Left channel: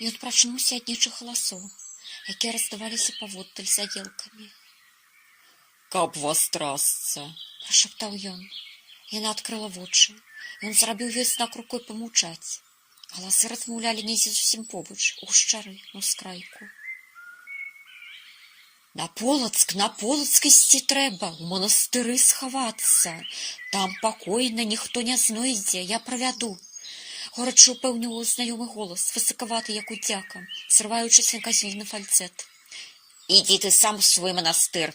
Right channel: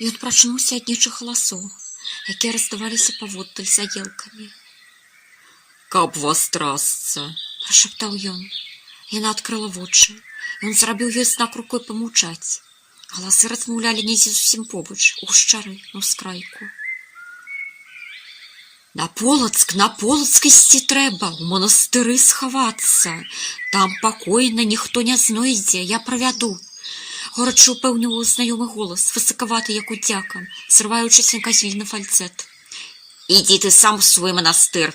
Ён прачнуўся ад нечых галасоў, якія раздаваліся паводдаль за елкамі. «Каб вас трасца!» – прашаптаў ён. Яна адкрыла вочы. Ён зрабіў ёй знак рукой памаўчаць. Галасы размаўлялі недзе зусім побач, у гушчары, на ўскрайку. На Полацк ісці трэба, у манастыры схавацца. Там пакойна, ніхто не знойдзе, я правяду. Горача упэўніваў знаёмы голас, высакаваты, як удзяка, срываючыся на казільны фальцэт. «Ідзі ты сам у свой манастыр!»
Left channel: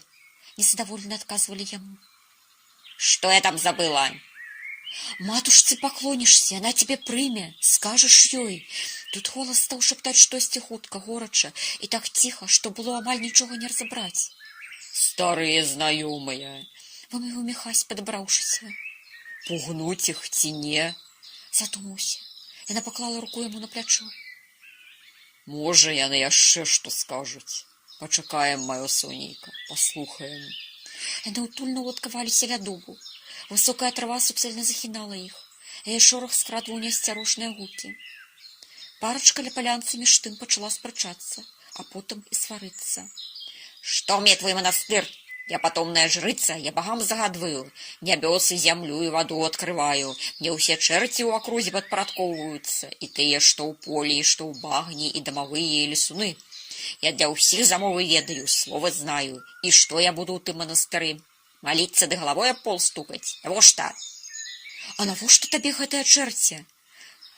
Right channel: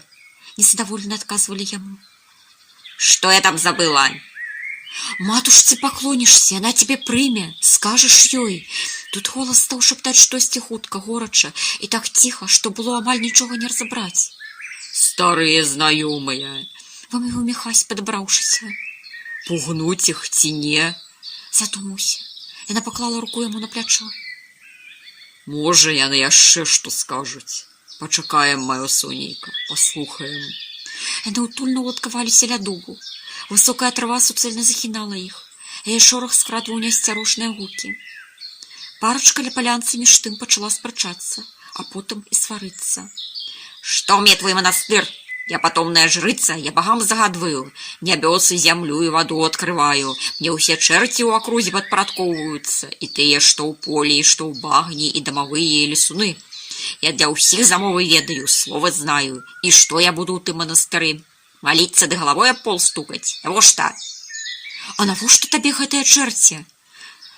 Незадаволена адказвалі яму. «Што я там забыла?» «Матушцы паклонішся, яна цябе прыме, скажаш ёй». Тут голас стаў шаптаць штосьці хутка, горача, і так ціха, што было амаль нічога не разабраць. «Старыя знаёмыя!» вымовіў Міхась, падабраўшыся. «Пугнуць іх ці не?» Задумаўся. Яна паклала руку яму на плячо. «Можа, яны яшчэ што скажуць. Пачакаем, маё сонейка, паслухаем». Яны утульна уладкаваліся ля дубу. Высокая трава суцэльна захінала іх. Яе шорах скрадваў неасцярожныя гукі. Парачка ля палянцы між тым пачала спрачацца, а потым і сварыцца. «Што мне твой манастыр? Я патомная жрыца, я богам загадваю. Нябёсы, зямлю і ваду открываю. Мне ўсе чэрці ў акрузе падпарадкоўваюцца, і тыя, што ў полі, і што ў багні, і дамавыя, і лесуны. Я для ўсіх замовы ведаю, слова знаю. І што я буду ў тым манастыры? Маліцца ды галавой аб пол стукаць? Навошта?» «А навошта табе гэтыя чэрці?»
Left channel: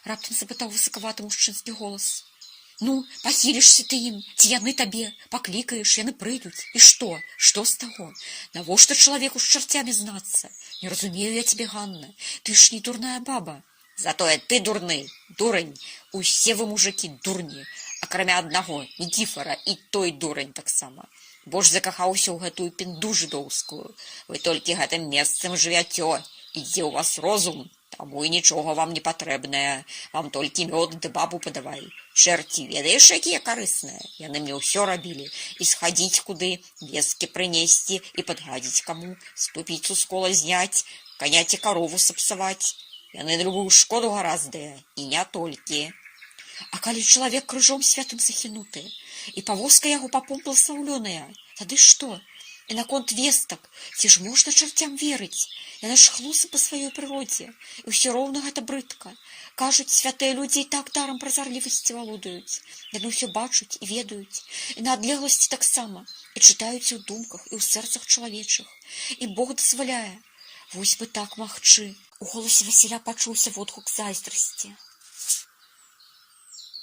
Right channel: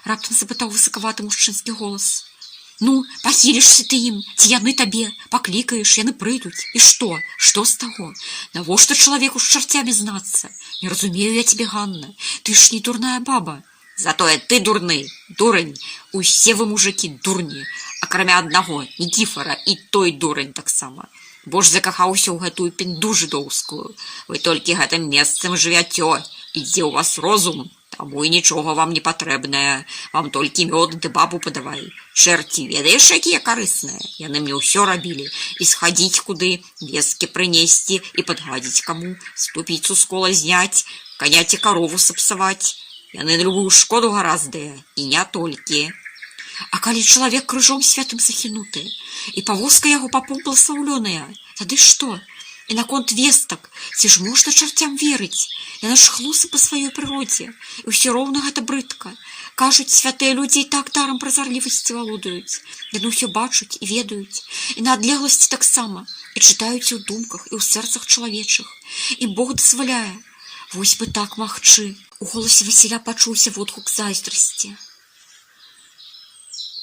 Раптам запытаў высакаваты мужчынскі голас. «Ну, пахілішся ты ім, ці яны табе, паклікаеш, яны прыйдуць. І што? Што з таго? Навошта чалавеку з чарцямі знацца? Не разумею я цябе, Ганна, ты ж не дурная баба». «Затое ты дурны, дурань. Усе вы мужыкі дурні, акрамя аднаго, Нікіфара, і той дурань таксама. Бо ж закахаўся ў гэтую пінду жыдоўскую. Вы толькі гэтым месцам жывяцё, ідзе ў вас розум. Таму і нічога вам не патрэбнае. Вам толькі мёд ды бабу падавай. Чэрці, ведаеш, якія карысныя? Яны мне ўсё рабілі. І схадзіць куды, вескі прынесці і падгадзіць каму, ступіцу з кола зняць, каня ці карову сапсаваць. Яны на любую шкоду гараздыя, і не толькі». «А калі чалавек крыжом святым захінуты, і павозка яго папом бласлаўлёная, тады што? І наконт вестак, ці ж можна чарцям верыць? Яна ж хлусы па сваёй прыродзе, і ўсё роўна гэта брыдка. Кажуць, святыя людзі і так дарам празарлівасці валодаюць. Яны ўсё бачуць і ведаюць, і на адлегласці таксама, і чытаюць і ў думках, і ў сэрцах чалавечых. І Бог дазваляе. Вось бы так магчы». У голасе Васіля пачуўся водгук зайздрасці.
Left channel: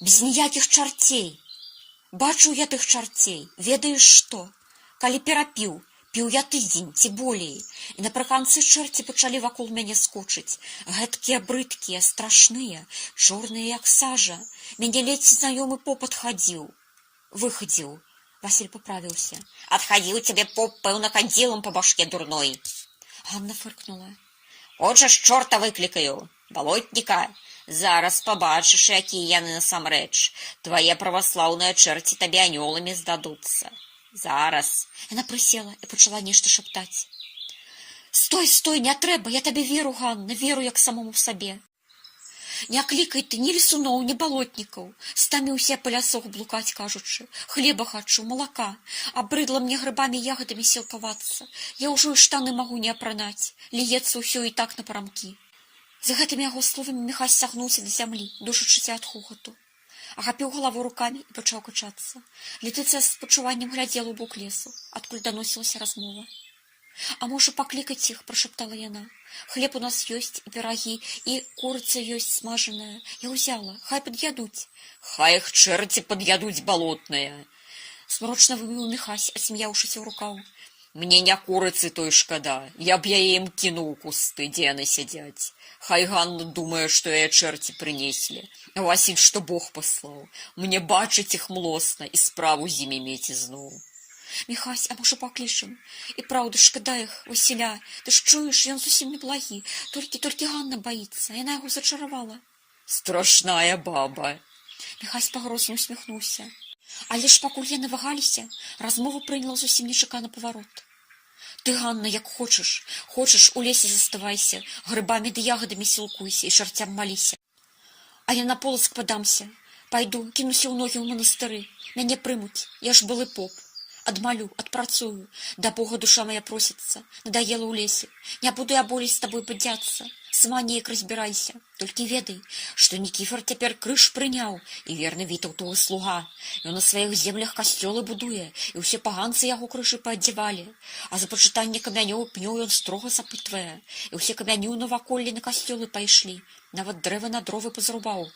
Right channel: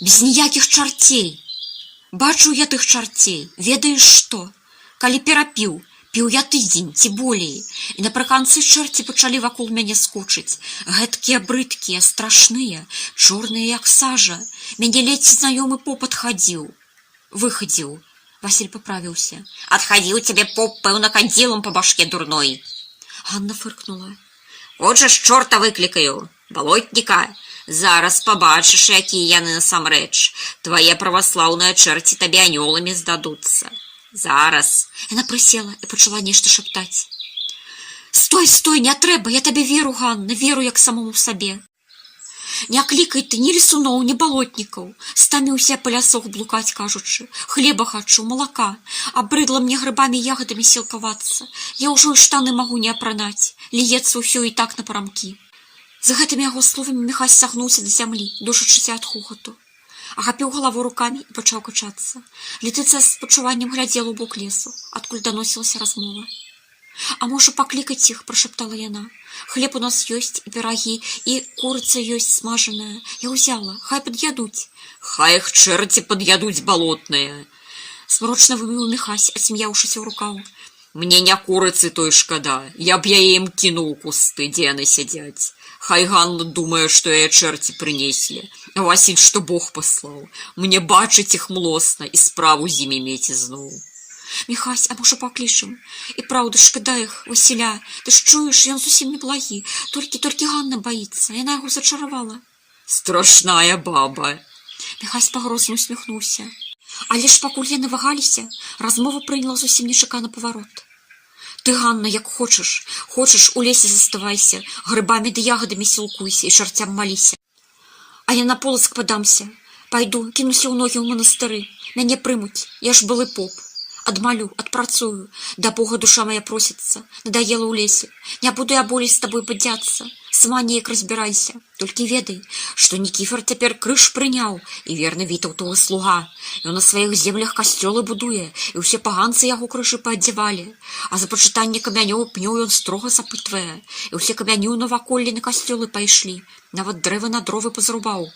«Без ніякіх чарцей. Бачу я тых чарцей. Ведаеш што? Калі перапіў, піў я тыдзень, ці болей, і напрыканцы чэрці пачалі вакол мяне скочыць. Гэткія брыдкія, страшныя, чорныя, як сажа. Мяне ледзь знаёмы поп адхадзіў. Выхадзіў». Васіль паправіўся. «Адхадзіў цябе поп, пэўна, кандзілам па башке дурной». Ганна фыркнула. «Хочаш, чорта выклікаю, балотніка? Зараз пабачыш, якія яны насамрэч. Твае праваслаўныя чэрці табе анёламі здадуцца. Зараз». Яна прысела і пачала нешта шаптаць. «Стой, стой, не трэба, я табе веру, Ганна, веру як самому сабе. Не клікай ты ні лесуноў, ні балотнікаў. Стаміўся па лясох блукаць, кажучы. Хлеба хачу, малака. Абрыдла мне грыбамі і ягадамі сілкавацца. Я ўжо і штаны магу не апранаць. Ліецца ўсё і так на парамкі». За гэтымі яго словамі Міхась сагнуўся да зямлі, душачыся ад хохату. Ахапіў галаву рукамі і пачаў качацца. Летыцыя з спачуваннем глядзела ў бок лесу, адкуль даносілася размова. «А можа, паклікаць іх?» – прашаптала яна. «Хлеб у нас ёсць, і пірагі, і курыца ёсць смажаная. Я ўзяла, хай пад'ядуць». «Хай іх чэрці пад'ядуць балотныя!» Змрочна вымовіў Міхась, асмяўшыся ў рукаў. «Мне не курыцы той шкада, я б яе ім кінуў у кусты, дзе яны сядзяць. Хай Ганна думае, што яе чэрці прынеслі. А Васіль, што Бог паслаў. Мне бачыць іх млосна і справу з імі мець ізноў». «Міхась, а можа паклічам? І праўда, шкада іх, Васіля. Ты ж чуеш, ён зусім не благі. Толькі Ганна баіцца, яна яго зачаравала». «Страшная баба». Міхась пагрозна усміхнуўся. Але ж пакуль яны вагаліся, размова прыняла зусім нечаканы паварот. «Ты, Ганна, як хочаш. Хочаш, у лесе заставайся, грыбамі ды ягадамі сілкуйся і чарцям маліся. А я на Полацк падамся. Пайду, кінуся ў ногі ў манастыры. Мяне прымуць, я ж былы поп. Адмалю, адпрацую, да Бога душа моя просіцца, надоела ў лесе. Не буду я болей з табой бадзяцца, сама неяк разбірайся. Толькі ведай, што Нікіфар цяпер крыж прыняў, і верны Вітаўтовы слуга. Ён на сваіх землях касцёлы будуе, і ўсе паганцы яго крыжы паадзявалі. А за пачытанне камянёў пнёў ён строга запытвае, і ўсе камяні ў наваколлі на касцёлы пайшлі, нават дрэвы на дровы пазрубаў.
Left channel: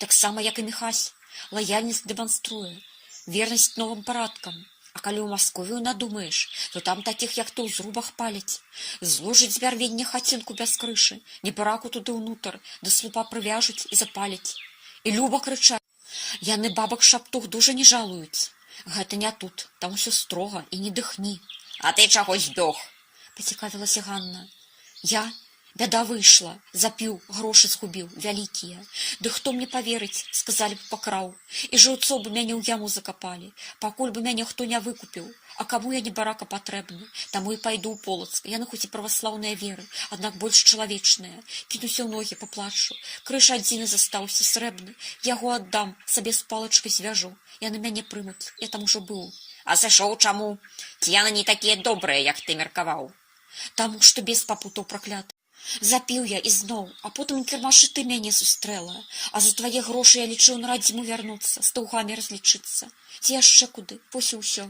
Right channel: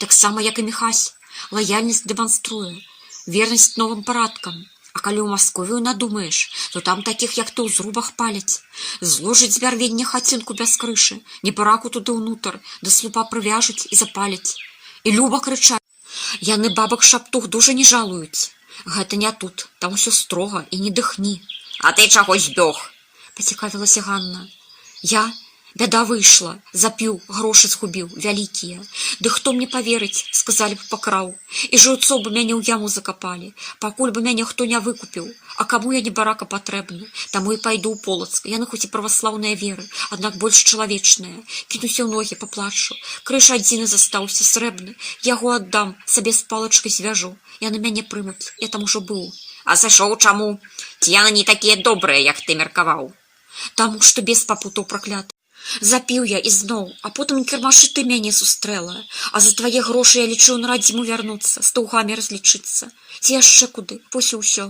Таксама, як і Міхась, лаяльнасць дэманструе, вернасць новым парадкам. А калі ў Масковію надумаеш, то там такіх, як ты, у зрубах паляць. Зложыць з вярвення хацінку без крышы, небараку туды ўнутр, да слупа прывяжуць і запаляць. І люба крычаць. Яны бабак шаптух дужа не жалуюць. Гэта не тут, там усё строга і не дыхні. А ты чаго збёг? Пацікавілася Ганна. Я? Бяда выйшла, запіў, грошы згубіў, вялікія. Ды хто мне паверыць, сказалі б пакраў. І жыўцо бы мяне ў яму закапалі, пакуль бы мяне хто не выкупіў. А каму я не барака патрэбны, таму і пайду ў Полацк. Яны хоць і праваслаўныя веры, аднак больш чалавечныя. Кінуся ў ногі, паплачу. Крыж адзіны застаўся, срэбны. Яго аддам, сабе з палачкай звяжу. Яны мяне прымуць, я там ужо быў. А сышоў чаму? Ці яны не такія добрыя, як ты меркаваў? Таму што бес папутаў пракляты. Запіў я ізноў, а потым кірмашы ты мяне сустрэла. А за твае грошы я лічыў на радзіму вярнуцца, з таўгамі разлічыцца. Ці яшчэ куды, вось і ўсё.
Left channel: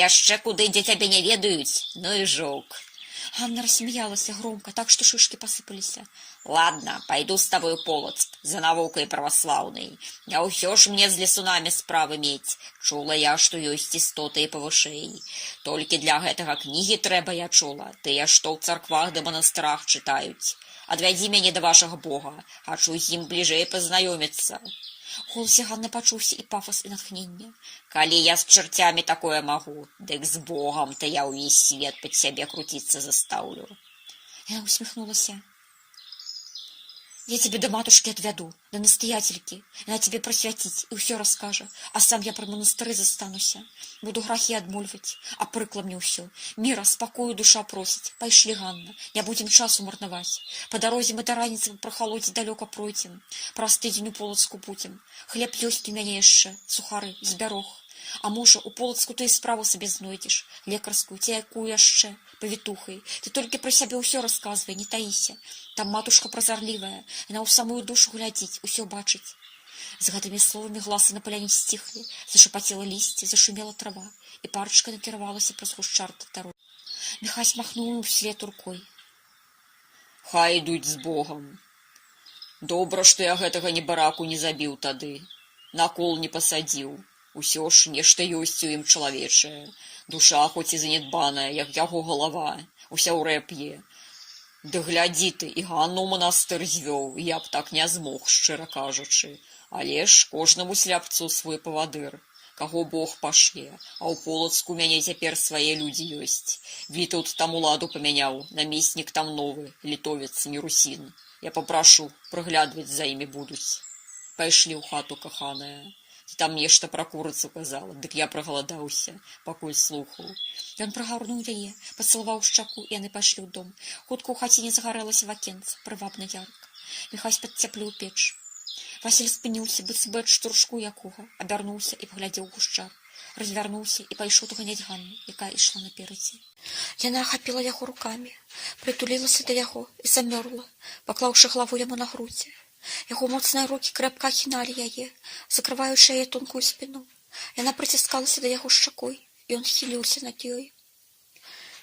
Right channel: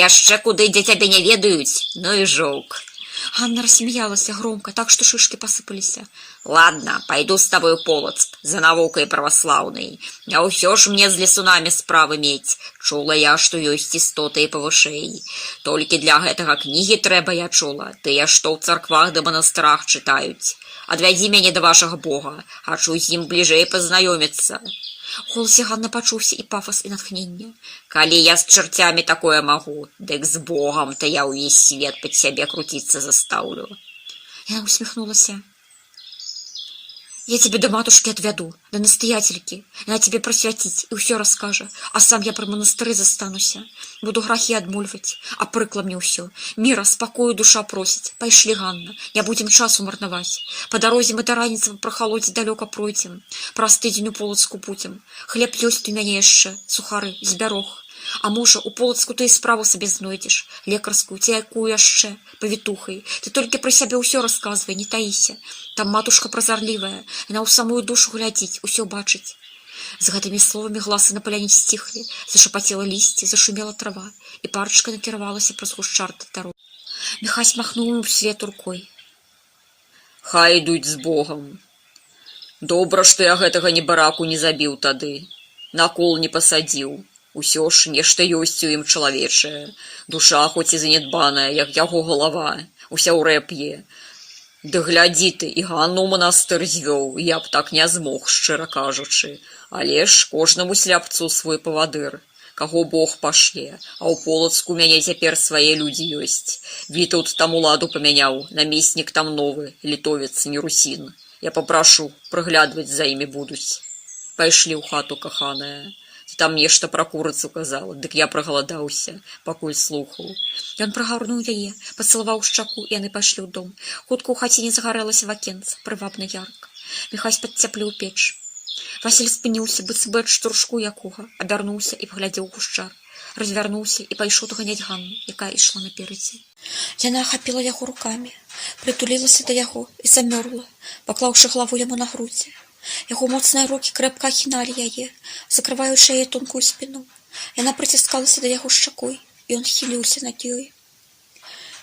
Яшчэ куды, дзе цябе не ведаюць? Ну і жоўк. Ганна рассмеялася громко, так што шышкі пасыпаліся. Ладно, пайду з табой у Полацк, за навукай праваслаўнай. Не ўсё ж мне з лесунамі справы мець. Чула я, што ёсць істоты і павышэй. Толькі для гэтага кнігі трэба, я чула. Тыя, што ў царквах да манастырах чытаюць. Адвядзі мяне да вашага Бога. Хачу з ім бліжэй пазнаёміцца. У голасе Ганны пачуўся і пафас, і натхненне. Калі я з чарцямі такое магу, дык з Богам, то я ўвесь свет пад сябе круціцца застаўлю. Яна усміхнулася. Я тебе до матушки отвяду, до настоятельки. Она тебе просвятить и все расскажет. А сам я про монастыры застануся. Буду грахи адмольвать, а прыкла мне ўсё. Мира, спокою душа просить. Пайшли, Ганна, не будем часу марнаваць. По дорозе мы до раніцы прохолодзе далёка пройдзем. Праз тыдзень у Полацку будем. Хлеб ёсць у мяне яшчэ, сухары, збярог. А можа, у Полацку ты і справу сабе знойдзеш, лекарскую, ці якую яшчэ, павітухай. Ты толькі пра сябе ўсё расказвай, не таіся. Там матушка празарлівая, яна ў самую душу глядзіць, усё бачыць. З гэтымі словамі гласы на паляне сціхлі, зашапацела лісце, зашумела трава, і парачка накіравалася праз гушчар да дарогі. Міхась махнуў ему вслед рукой. Хай ідуць з Богам. Добра, што я гэтага небараку не забіў тады, на кол не пасадзіў. Усё ж нешта ёсць у ім чалавечае. Душа хоць і занядбаная, як яго галава, уся ў рэп'е. Ды глядзі ты, і Ганну ў манастыр звёў, я б так не змог, шчыра кажучы. Але ж кожнаму сляпцу свой павадыр. Каго Бог пашле, а ў Полацку мяне цяпер свае людзі ёсць. Вітаўт там уладу памяняў, намеснік там новы, літовец, не русін. Я папрашу, прыглядваць за імі будуць. Пайшлі ў хату, каханая. Там нешта пра курыцу казала, дык я прагаладаўся, пакуль слухаў. Ён прыгарнуў яе, пацалаваў шчаку, і яны пайшлі ў дом. Хутка ў хаціне загарэлася вакенца, прывабна ярка. Міхась падцяпліў печ. Васіль спыніўся, быццам бы ад штуршку якога, абярнуўся і паглядзеў гушчар. Развярнуўся і пайшоў доганяць Ганну, якая ішла наперадзе. Яна ахапіла яго рукамі, прытулілася да яго і замёрла, паклаўшы галаву яму на грудзі. Яго моцныя рукі крэпка ахіналі яе, закрываючы яе тонкую спіну. Яна прыціскалася да яго шчакой, і ён хіліўся над ёй.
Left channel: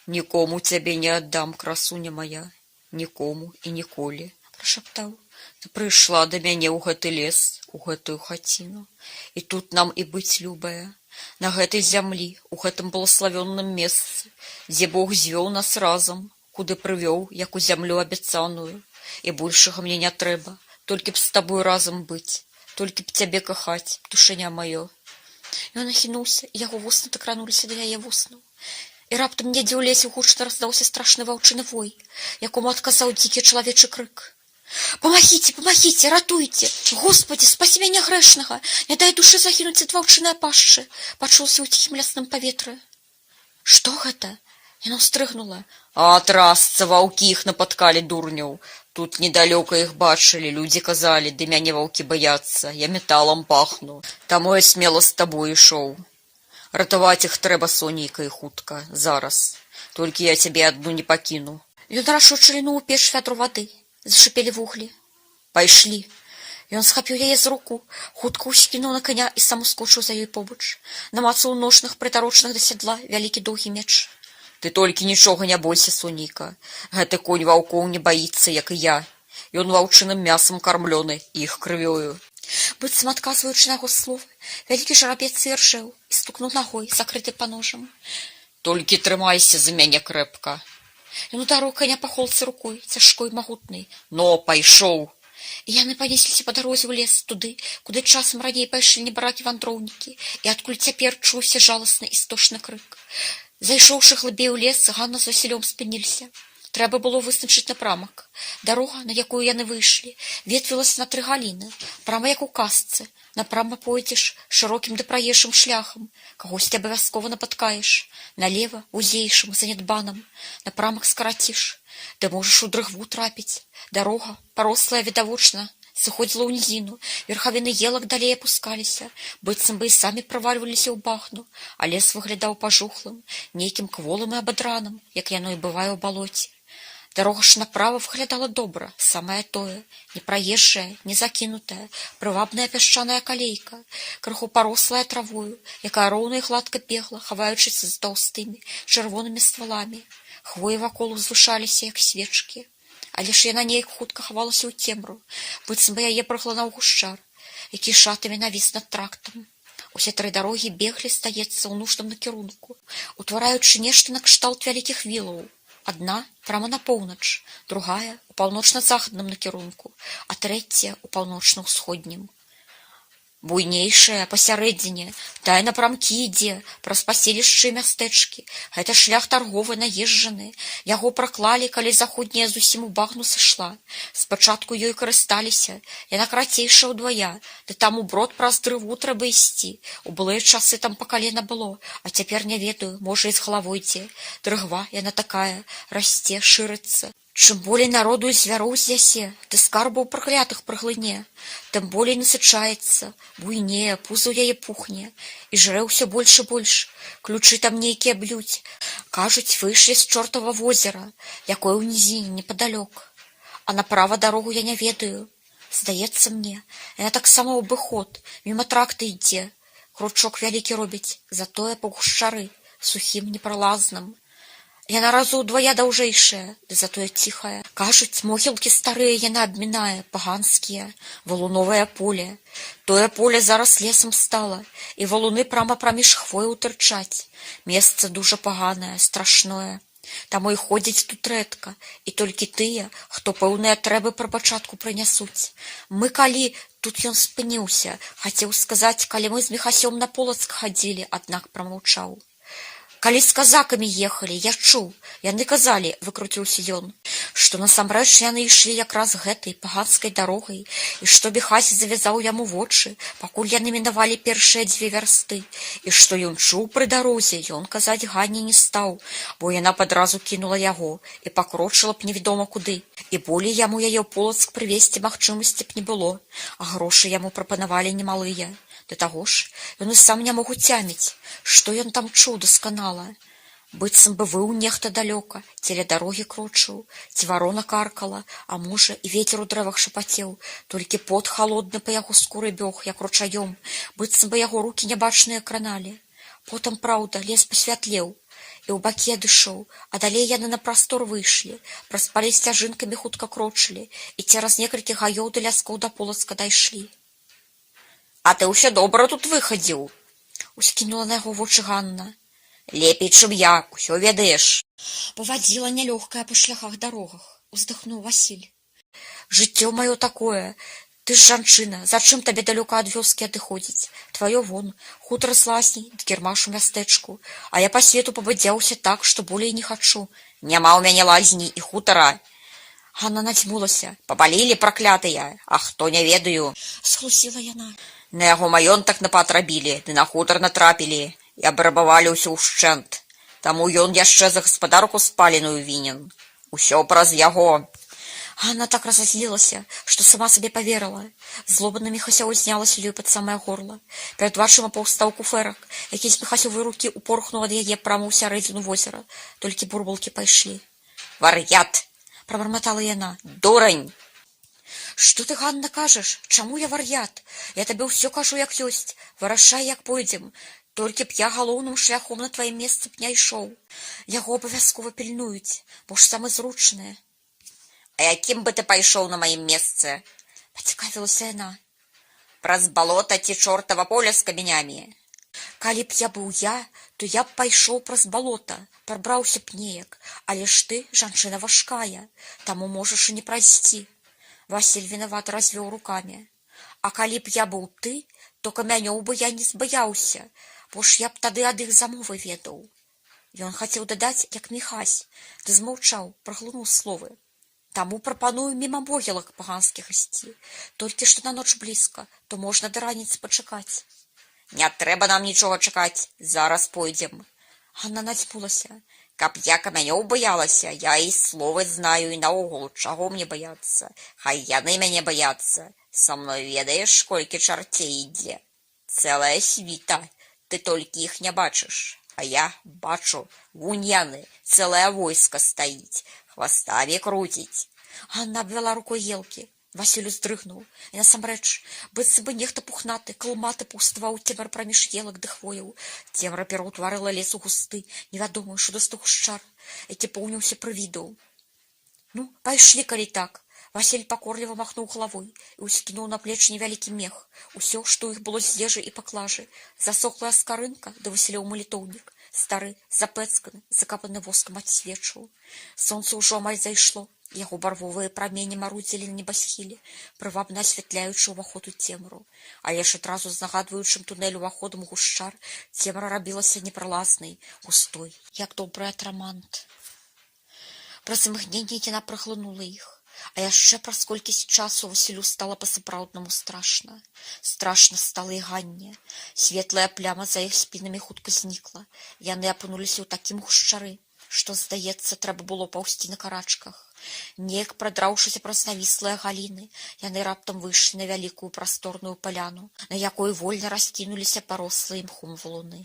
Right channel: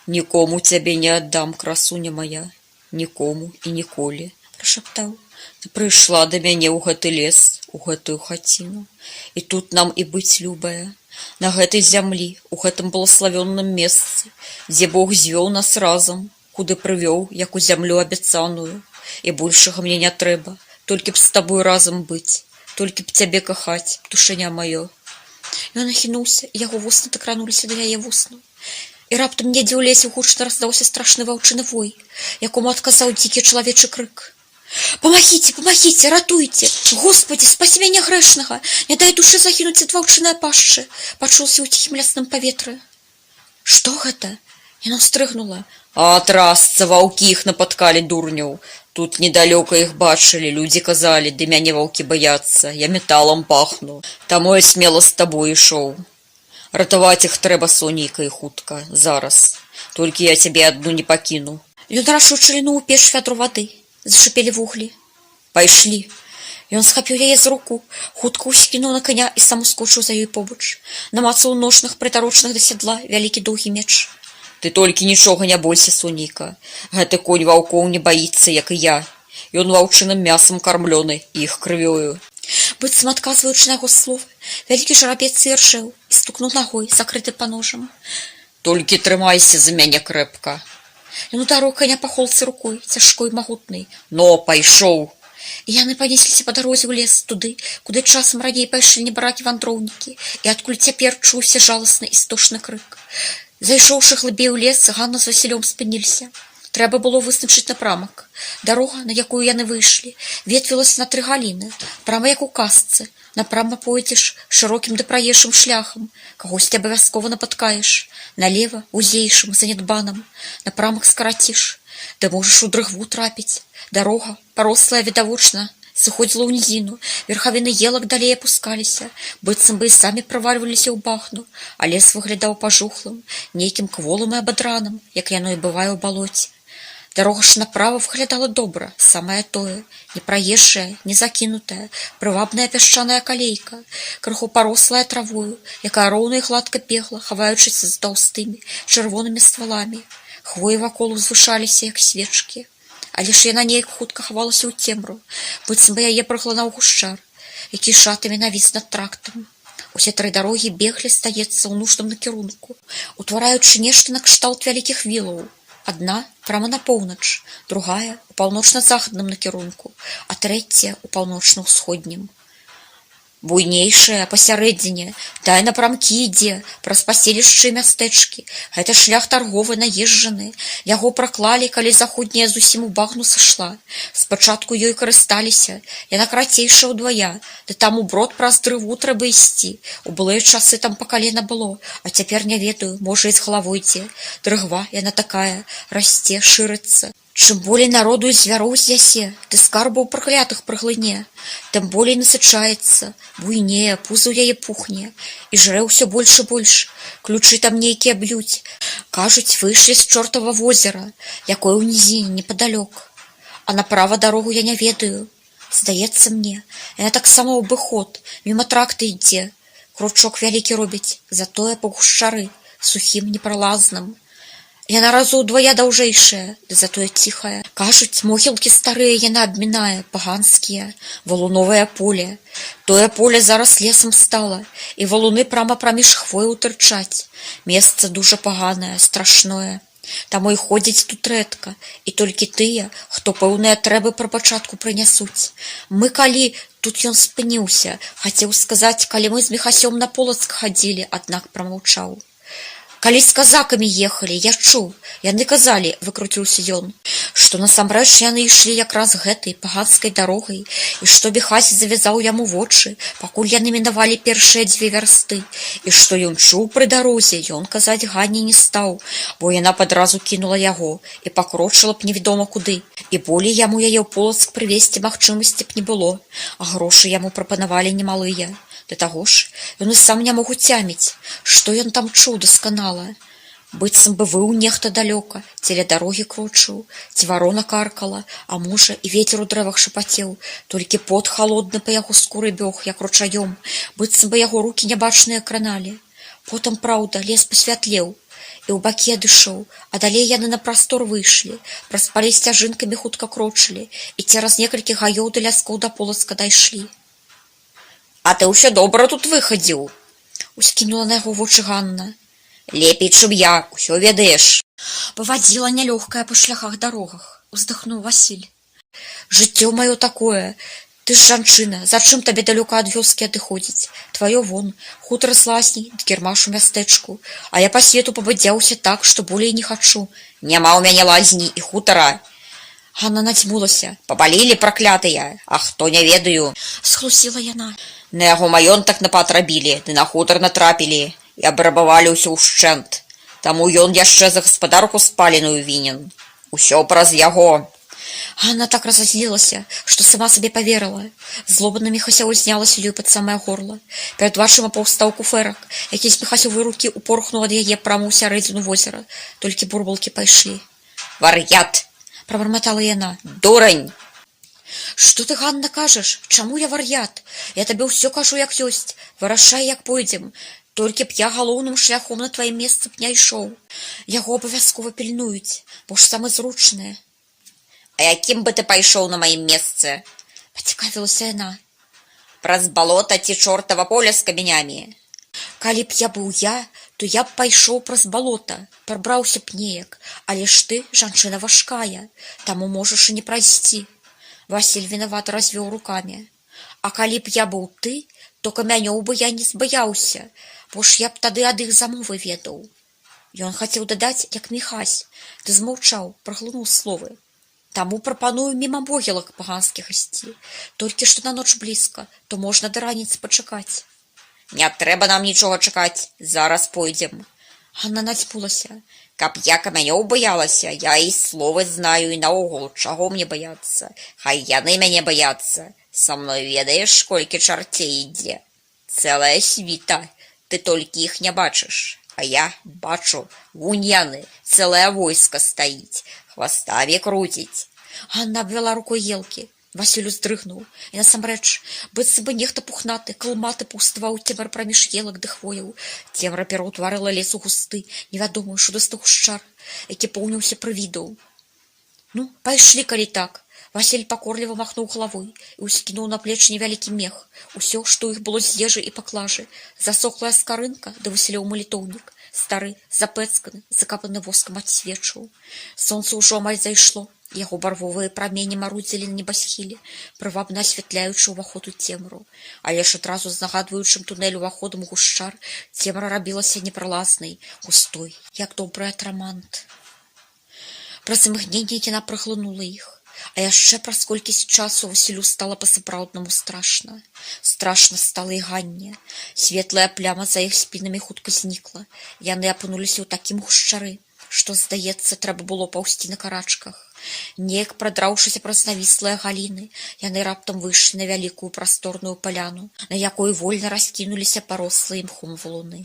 «Нікому цябе не аддам, красуня моя, нікому і ніколі», – прашаптаў. «Ты прыйшла да мяне ў гэты лес, у гэтую хаціну, і тут нам і быць любая, на гэтай зямлі, у гэтым благаславённым месцы, дзе Бог звёў нас разам, куды прывёў, як у зямлю абяцаную, і большага мне не трэба. Толькі б з табой разам быць, толькі б цябе кахаць, душэня маё». Ён ахінуўся, і яго вусны так крануліся да яе вуснаў. І раптам недзе ў лесе гучна раздаўся страшны ваўчыны вой, якому адказаў дзікі чалавечы крык. «Памагіце, памагіце, ратуйце! Господі, спасі мяне грэшнага! Не дай душы загінуць ад ваўчынай пашчы!» пачуўся ў ціхім лясным паветры. «Што гэта?» Яна ўстрыгнула. «А трасца, ваўкі іх напаткалі, дурняў! Тут недалёка іх бачылі, людзі казалі, ды мяне ваўкі баяцца, я металам пахну. Таму я смела з табой ішоў. Ратаваць іх трэба, Сонейка, і хутка, зараз. Толькі я цябе адну не пакіну. Ён рашуча лінуў у печ вядру вады. Зашипелі вуглі. Пайшлі. Ён схапіў яе з руку, хутка ўскінуў на коня і сам ускочыў за ёй побач. Намацаў у ножнах, прытарочных да сядла, вялікі доўгі меч. Ты толькі нічога не бойся, Сонейка. Гэты конь ваўкоў не баіцца, як і я. Ён ваўчыным мясам кармлёны і іх крывёю. Быццам адказваючы на яго словы, вялікі жарабец іржэў і стукнуў нагой, закрыты паножам. Толькі трымайся за мяне крэпка. Ён ударыў коня па холцы рукой, цяжкой, магутнай. Но, пайшоў. І яны панесліся па дарозе ў лес туды, куды часам раней пайшлі небаракі-вандроўнікі, і адкуль цяпер чуўся жаласны істошны крык. Зайшоўшы глыбей у лес, Ганна з Васілём спыніліся. Трэба было вызначыць напрамак. Дарога, на якую яны выйшлі, ветвілася на 3 галіны, прама як у казцы. Напрама пойдзеш шырокім ды праезжым шляхам, кагосьці абавязкова напаткаеш. Налева, вузейшым, занядбаным, напрамак скараціш. Ты можаш у дрыгву трапіць. Дарога, парослая відавочна, сыходзіла ў нізіну, верхавіны елак далей апускаліся, быццам бы і самі правальваліся ў багну, а лес выглядаў пажухлым, нейкім кволым і абадраным, як яно і бывае ў балоце. Дарога ж направа выглядала добра, самае тое, не праезжая, не закінутая, прывабная пясчаная калейка, крыху парослая травою, якая роўна і гладка бегла, хаваючыся з таўстымі, чырвонымі стваламі. Хвоі вакол узвышаліся, як свечкі. Але ж яна неяк хутка хавалася ў цемру, быццам бы яе праглынаў гушчар, які шатамі навіс над трактам. Усе 3 дарогі беглі, стаецца, ў нужным накірунку, утвараючы нешта накшталт вялікіх вілаў. Адна прама на поўнач, другая у паўночна-захадным накірунку, а трэцяя у паўночна-ўсходнім. Буйнейшая пасярэдзіне, тая напрамкі ідзе, праз паселішчы і мястэчкі. Гэта шлях тарговы, наезджаны. Яго праклалі, калі заходняя зусім у багну сышла. Спачатку ёй карысталіся, яна карацейшая ўдвая, ды там уброд праз дрыву трэба ісці. У былыя часы там па калена было, а цяпер не ведаю, можа і з галавой ідзе. Дрыгва, яна такая, расце, шырыцца. Чым болей народу і звяроў з'ясе, ды скарбаў праклятых праглыне, тым болей насычаецца, буйнее, пузо ў яе пухне, і жрэ ўсё больш і больш. Ключы там нейкія б'юць. Кажуць, выйшлі з чортава возера, якое ў нізіне непадалёк. А направа дарогу я не ведаю. Здаецца мне, яна таксама ў абыход, міма тракта ідзе. Кручок вялікі робіць, затое па гушчары, сухім, непралазным. Яна разу ўдвая даўжэйшая, ды затое ціхая. Кажуць, могілкі старыя яна абмінае, паганскія, валуновае поле. Тое поле зараз лесам стала, і валуны прама праміж хвою тырчаць. Месца дужа паганае, страшное. Таму і ходзяць тут рэдка, і толькі тыя, хто пэўныя трэбы пра пачатку прынясуць. Мы калі... Тут ён спыніўся, хацеў сказаць, калі мы з Міхасём на Полацк хадзілі, аднак прамаўчаў. Калі з казакамі ехалі, я чуў, яны казалі, выкруціўся ён, што насамрэч яны ішлі якраз гэтай паганскай дарогай, і што Міхась завязаў яму вочы, пакуль яны мінавалі першыя 2 вярсты, і што ён чуў пры дарозе, ён казаць Ганне не стаў, бо яна падразу кінула яго і пакрочыла б невядома куды, і болей яму яе ў Полацк прывезці магчымасці б не было, а грошы яму прапанавалі немалыя. Да таго ж, ён і сам не мог уцяміць, што ён там чуў дасканала. Быццам бы выў нехта далёка, целя дарогі крочыў, ці варона каркала, а можа, і вецер у дрэвах шапацеў, толькі пот халодны па яго скуры бёг, як ручаём, быццам бы яго рукі нябачныя краналі. Потым, праўда, лес пасвятлеў, і ў бакі адышоў, а далей яны на прастор выйшлі, праз палі сцяжынкамі хутка крочылі, і цераз некалькі гаёў да ляскоў да Полацка дайшлі. А ты ўсё добра тут выхадзіў, Ускінула на яго вочы Ганна. Лепей, чым я, усё ведаеш. Павадзіла нялёгкая па шляхах дарогах, уздыхнуў Васіль. Жыццё маё такое, ты ж жанчына, зачым табе далёка ад вёскі адыходзіць? Тваё вон, хутар з лазней, ды кірмаш у мястэчку, а я па свету пабадзяўся так, што болей не хачу. Няма ў мяне лазні і хутара. Ганна надзьмулася. Папалілі праклятыя, а хто не ведаю. Схлусіла яна. На яго маёнтак напад рабілі, ды на хутар натрапілі, і абрабавалі ўсё ўшчэнт. Таму ён яшчэ за гаспадарку спаленую вінен. Усё праз яго. Ганна так разозлілася, што сама сабе паверыла. Злоба наміхася ўзнялася ёй пад самае горла. Перад вачыма паўстаў куфэрак, які з пехасёвай рукі упорхнуў ад яе прама ў сярэдзіну возера. Толькі бурбалкі пайшлі. Вар'ят! Прабарматала яна. Дурань! Што ты, Ганна, кажаш? Чаму я вар'ят? Я табе ўсё кажу, як ёсць. Вырашай, як пойдзем. Толькі б я галоўным шляхом на тваім месцы б не ішоў. Яго абавязкова пільнуюць, бо ж самы зручнае. А якім бы ты пайшоў на маім месцы? Пацікавілася яна. Праз балота ці чортава поля з камянямі? Калі б я быў я, то я б пайшоў праз балота, прабраўся б неяк, але ж ты жанчына важкая, таму можаш і не прайсці. Васіль вінавата развёў рукамі. А калі б я быў ты, то камянёў бы я не збаяўся, бо ж я б тады ад іх замовы ведаў. Ён хацеў дадаць, як Міхась, ды змаўчаў, праглынуў словы. Таму прапаную міма могілак паганскіх ісці. Толькі што на ноч блізка, то можна да раніцы пачакаць. Не трэба нам нічога чакаць, зараз пойдзем. Ганна надзьмулася. Каб я камянёў баялася, я і словы знаю, і наогул, чаго мне баяцца. Хай яны мяне баяцца. Са мной ведаеш, колькі чарцей ідзе. Цэлая світа, ты толькі іх не бачыш. А я бачу, вунь яны, цэлае войска стаіць, хваставе круціць. Ганна абвяла рукой елкі. Васіль уздрыгнуў, і насамрэч, быццам бы нехта пухнаты, калматы паўставаў цемра праміж елак ды хвояў. Цемра пераўтварыла лес у густы, невядомы шудасты гушчар, які поўніўся прывідаў. Ну, пайшлі, калі так. Васіль пакорліва махнуў галавой і ўскінуў на плечы невялікі мех. Усё, што ў іх было з ежы і паклажы. Засохлая скарынка да Васілёў малітоўнік. Стары, запэцканы, закапаны воскам адсвечваў. Сонца ўжо амаль зайшло. Яго барвовыя прамені марудзілі на небасхіле, прывабна асвятляючы ўваход у цемру. Але ж адразу з нагадваючым тунель уваходам у гушчар цемра рабілася непралазнай, густой, як добры атрамант. Праз імгненне яна праглынула іх. А яшчэ праз колькісць часу Васілю стала па-сапраўднаму страшна. Страшна стала і Ганне. Светлая пляма за іх спінамі хутка знікла. Яны апынуліся ў такім гушчары, што, здаецца, трэба было паўсці на карачках. Неяк прадраўшыся праз навіслыя галіны, яны раптам выйшлі на вялікую прасторную паляну, на якой вольна раскінуліся парослыя мхом валуны.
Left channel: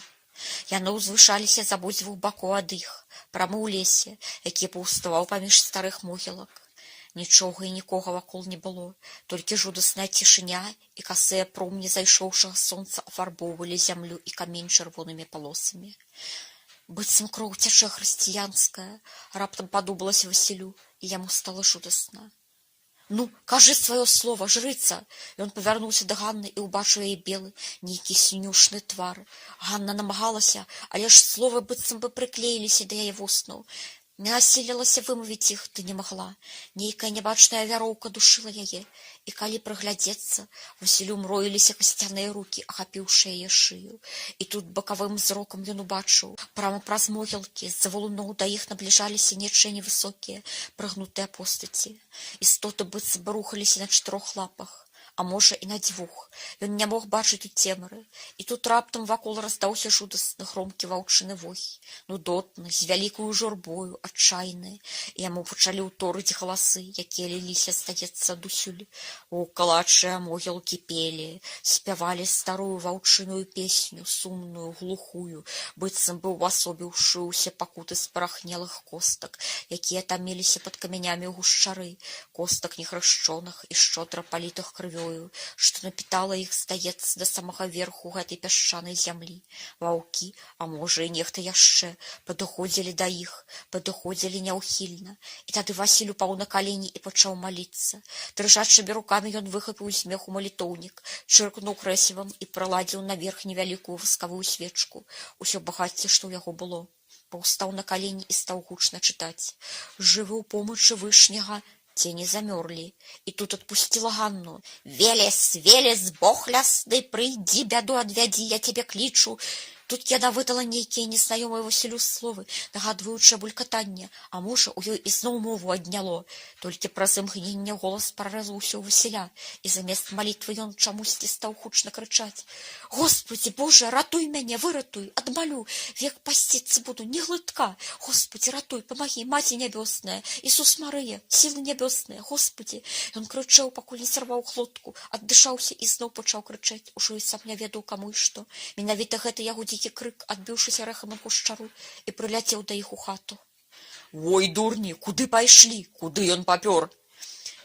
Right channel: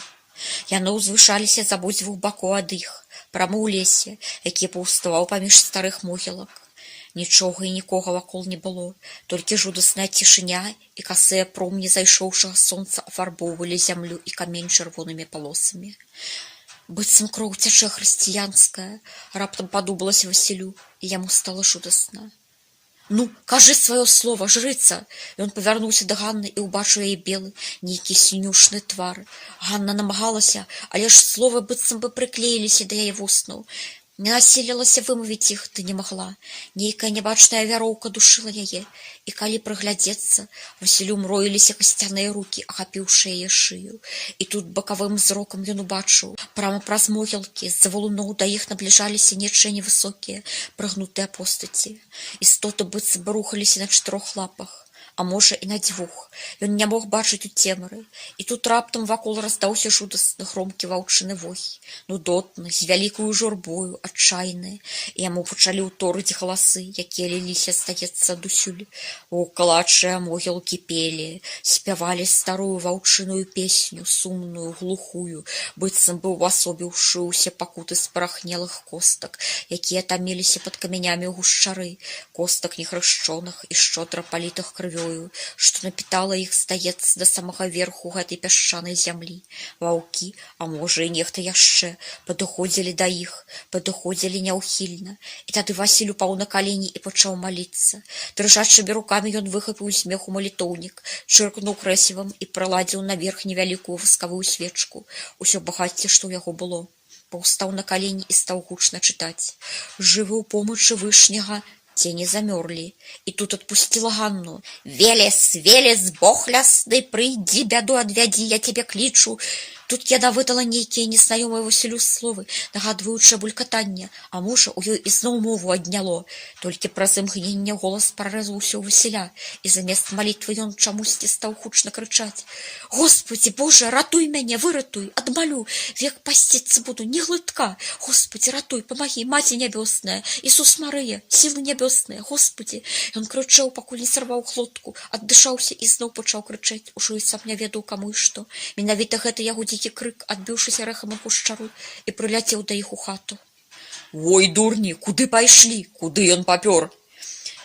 Яны ўзвышаліся з абодвух бакоў ад іх, прама ў лесе, які паўставаў паміж старых могілак. Нічога і нікога вакол не было, толькі жудасная цішыня і касыя промні зайшоўшага сонца афарбоўвалі зямлю і камень чырвонымі палосамі. Быццам кроў цячэ хрысціянская, раптам падумалася Васілю, і яму стала жудасна. Ну, кажы сваё слова, жрыца! Ён павярнуўся да Ганны і ўбачыў яе белы, нейкі сінюшны твар. Ганна намагалася, але ж словы быццам бы прыклеіліся да яе вуснаў. Не насілілася вымавіць іх, ды не магла. Нейкая нябачная вяроўка душыла яе, і калі прыглядзецца, Васілю мроіліся касцяныя рукі, ахапіўшы яе шыю. І тут бакавым зрокам ён убачыў, прама праз могілкі, з-за валуноў да іх набліжаліся нечыя невысокія, прыгнутыя постаці. Істоты быццам бы рухаліся на 4 лапах. А можа, і на 2. Ён не мог бачыць у цемры. І тут раптам вакол раздаўся жудасны громкі ваўчыны вой. Нудотны, з вялікую журбою, адчайны. І яму пачалі ўторыць галасы, якія ліліся, здаецца, адусюль. Ваўкалачыя могілкі пелі, спявалі старую ваўчыную песню, сумную, глухую, быццам бы ўвасобіўшы ўсе пакуты спарахнелых костак, якія таміліся пад камянямі ў гушчары, костак нехрышчоных і шчодра палітых крывёй, што напітала іх, здаецца, да самага верху гэтай пясчанай зямлі. Ваўкі, а можа і нехта яшчэ, падыходзілі да іх, падыходзілі няўхільна. І тады Васіль упаў на калені і пачаў маліцца. Дрыжачымі рукамі ён выхапіў з меху малітоўнік, чыркнуў крэсівам і прыладзіў наверх невялікую васкавую свечку. Усё багацце, што ў яго было. Паўстаў на калені і стаў гучна чытаць. «Жывы ў помачы вышняга, тени замёрлі». І тут адпусціла Ганну. «Велес, Велес, Бог лясны, прыйдзі, бяду адвядзі, я цябе клічу». Тут яна выдала нейкія незнаёмыя Васілю словы, нагадваючы булькатанне, а можа, у ёй ізноў мову адняло. Толькі праз імгненне голас прарэзваўся ў Васіля, і замест малітвы ён чамусьці стаў гучна крычаць: «Господі, Боже, ратуй мяне, выратуй, адмалю, век пасціцца буду, ні глытка! Господі, ратуй, памагі, Маці нябёсная, Ісус Марыя, сілы нябёсныя, Господі!» Ён крычаў, пакуль не сарваў глотку, аддышаўся і зноў пачаў крычаць, ужо і сам не ведаў каму і што. Менавіта гэта яго дзікі крык, адбіўшыся рэхам у гушчару, і прыляцеў да іх у хату. Ой, дурні, куды пайшлі? Куды ён папёр?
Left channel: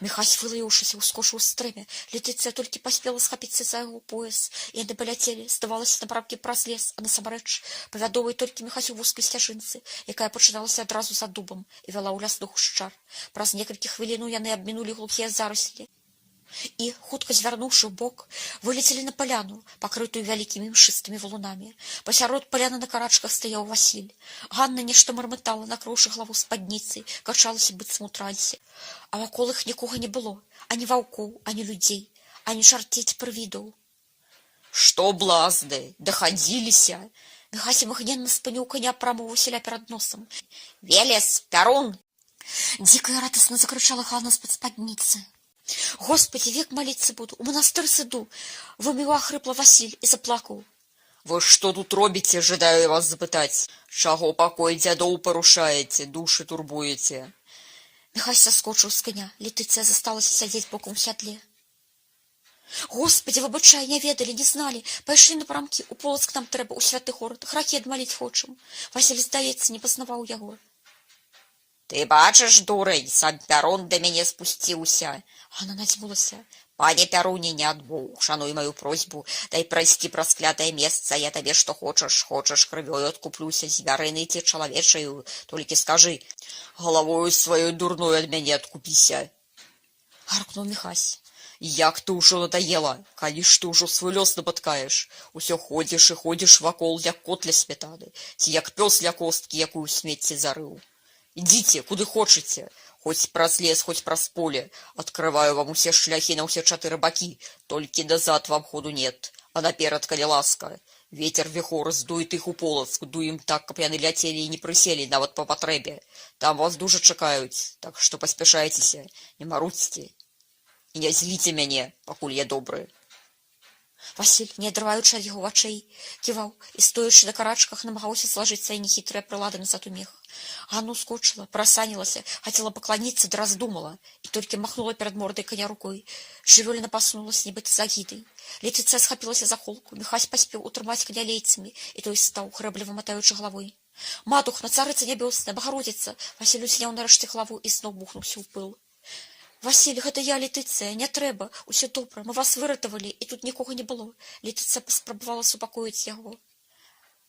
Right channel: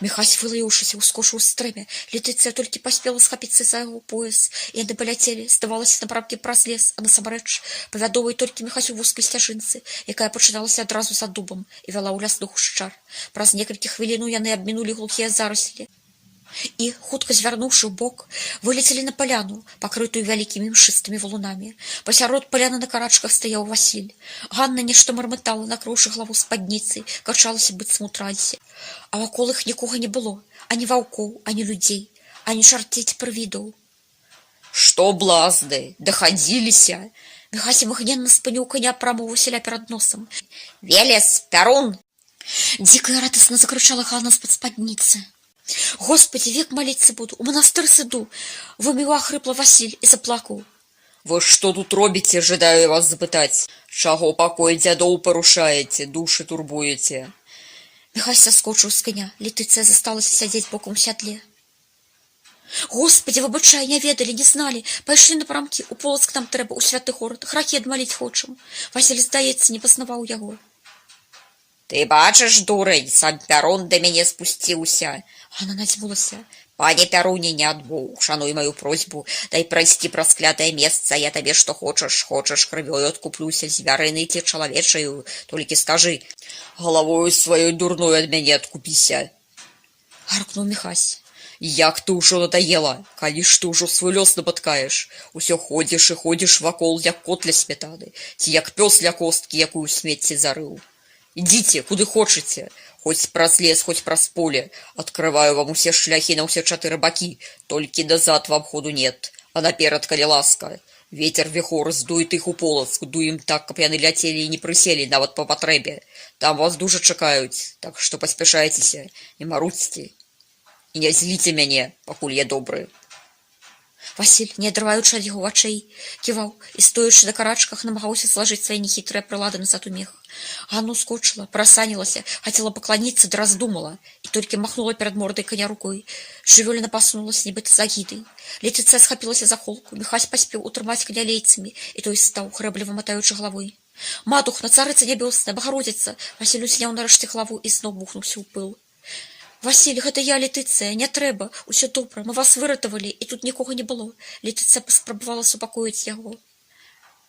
Міхась, вылаяўшыся, ускочыў з стрэмя. Летыцыя толькі паспела схапіцца за яго пояс. Яны паляцелі, здавалася, напрамкі праз лес, а насамрэч павядовай толькі Міхась у вузкай сцяжынцы, якая пачыналася адразу за дубам і вяла ў лясны гушчар. Праз некалькі хвілінаў яны абмінулі глухія зараслі і, хутка звярнуўшы ў бок, вылецелі на паляну, пакрытую вялікімі мшыстымі валунамі. Пасярод паляны на карачках стаяў Васіль. Ганна нешта мармытала, накрыўшы галаву спадніцай, качалася быццам у трансе. А вакол іх нікога не было, ані ваўкоў, ані людзей, ані чарцець прывідаў. Што, блазды, дахадзіліся? Міхась імгненна спыніў каня прама ў Васіля перад носам. Велес, Пярун! Дзіка і радасна закрычала Ганна з-пад спадніцы. «Господі, век маліцца буду, у манастыр сыду!» Выміў ахрыпла Васіль і заплакаў. Вы што тут робіце, жадаю вас запытаць? Чаго пакой дзядоў парушаеце, душы турбуеце? Міхась саскочыў з каня, Летыцыя засталася сядзець бокам у сядле. «Господі, выбачай, не ведалі, не зналі, пайшлі напрамкі, у Полацк нам трэба, у святы горад, грахі адмаліць хочам». Васіль, здаецца, не пазнаваў яго. Ты бачыш, дурань, сам Пярун да мяне спусціўся. Ганна надзьмулася. Пане Пяруне, не адбоў, шануй маю просьбу, дай прайсці праз клятае месца, я табе што хочаш, крывёю адкуплюся, звярынай ці чалавечаю, толькі скажы, галавою сваёй дурной ад мяне адкупіся. Гаркнуў Міхась. Як ты ўжо надоела, калі ж ты ўжо свой лёс напаткаеш, усё ходзіш і ходзіш вакол, як кот ля сметаны, ці як пёс ля косткі, якую ў смецці зарыў. Ідзіце, куды хочаце, хоць праз лес, хоць праз поле. Адкрываю вам усе шляхі на ўсе 4 бакі, толькі назад вам ходу нет. А наперад, калі ласка. Вецер віхор здует іх у Полацк, дуем так, каб яны ляцелі і не прыселі, нават па патрэбе. Там вас дужа чакаюць, так што паспяшайцеся, не марудзьце. І не зліце мяне, пакуль я добры. Васіль, не адрываючы ад яго вачэй, ківаў і, стоячы на карачках, намагаўся злажыць свае нехітрыя прылады назад у мех. Ганна ускочыла, прасанілася, хацела пакланіцца, ды раздумала, і толькі махнула перад мордай коня рукой. Жывёліна пасунулася, нібыта з агідай. Летыцыя схапілася за холку, Міхась паспеў утрымаць коня лейцамі, і той стаў, грэбліва матаючы галавой. «Матухна, царыца нябёсная, Багародзіца!» Васіль узняў нарэшце галаву і зноў бухнуўся ў пыл. «Васіль, гэта я, Летыцыя, не трэба, усё добра, мы вас выратавалі, і тут нікога не было». Летыцыя паспрабавала супакоіць яго.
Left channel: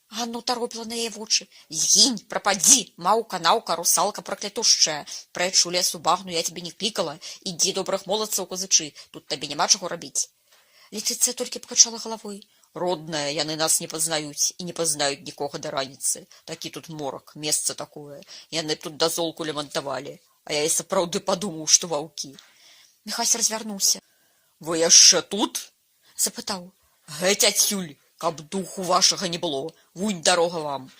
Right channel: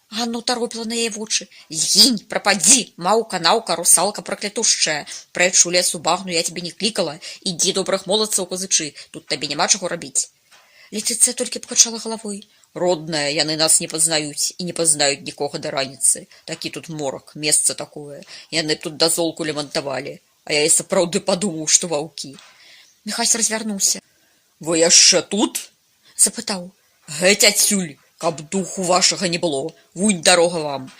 Ганна ўтаропіла на яе вочы. «Згінь, прападзі, маўка, наўка, русалка праклятушчая. Прэч у лес у багну, я цябе не клікала. Ідзі добрых моладцаў казычы, тут табе няма чаго рабіць». Летыцыя толькі пакачала галавой. «Родная, яны нас не пазнаюць і не пазнаюць нікога да раніцы. Такі тут морак, месца такое. Яны тут дазолку лямантавалі. А я і сапраўды падумаў, што ваўкі». Міхась развярнуўся. «Вы яшчэ тут?» — запытаў. «Геть адсюль, каб духу вашага не было. Вунь дарога вам».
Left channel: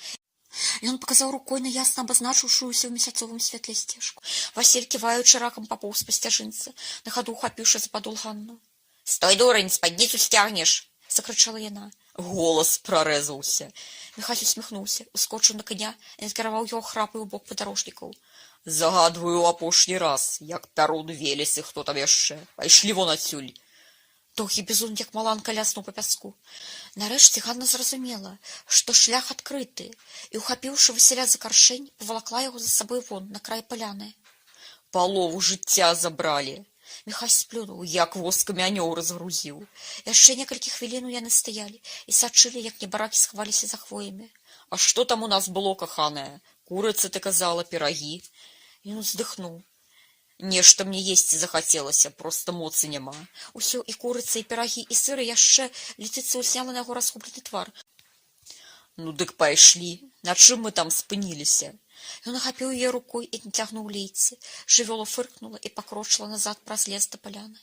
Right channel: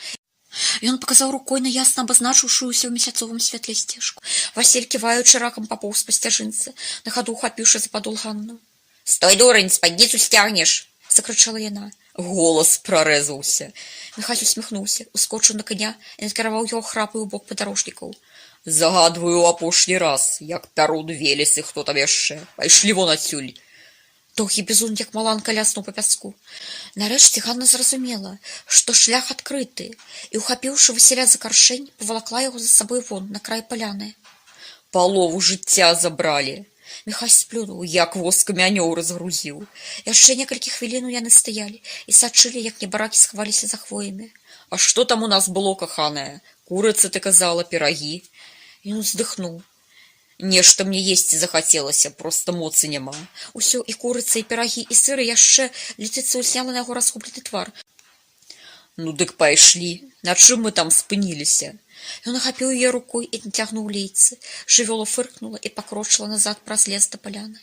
Ён паказаў рукой на ясна абазначыўшуюся ў месяцовым святле сцежку. Васіль, ківаючы ракам, папоўз па сцяжынцы, на хаду ухапіўшы за падол Ганну. «Стой, дурань, спадніцу сцягнеш!» — закрычала яна. Голас прарэзваўся. Міхась усміхнуўся, ускочыў на коня і накіраваў яго храпаю ў бок падарожнікаў. «Загадваю апошні раз, як Пярун, Велес і хто там яшчэ. Пайшлі вон адсюль». Доўгі бізун, як маланка, ляснуў па пяску. Нарэшце Ганна зразумела, што шлях адкрыты, і, ухапіўшы Васіля за каршэнь, павалакла яго за сабой вон, на край паляны. «Палову жыцця забралі». Міхась сплюнуў, як воскамі анёў разгрузіў. Яшчэ некалькі хвілінаў яны стаялі і сачылі, як небаракі схаваліся за хвоямі. «А што там у нас было, каханая? Курыца, ты казала, пірагі?» Ён уздыхнуў. «Нешта мне есці захацелася, проста моцы няма». Усё, і курыца, і пірагі, і сыры яшчэ. Летыцыя ўзняла на яго разгублены твар. «Ну дык пайшлі. На чым мы там спыніліся?» Ён ахапіў яе рукой і нацягнуў лейцы. Жывёла фыркнула і пакрочыла назад праз лес да паляны.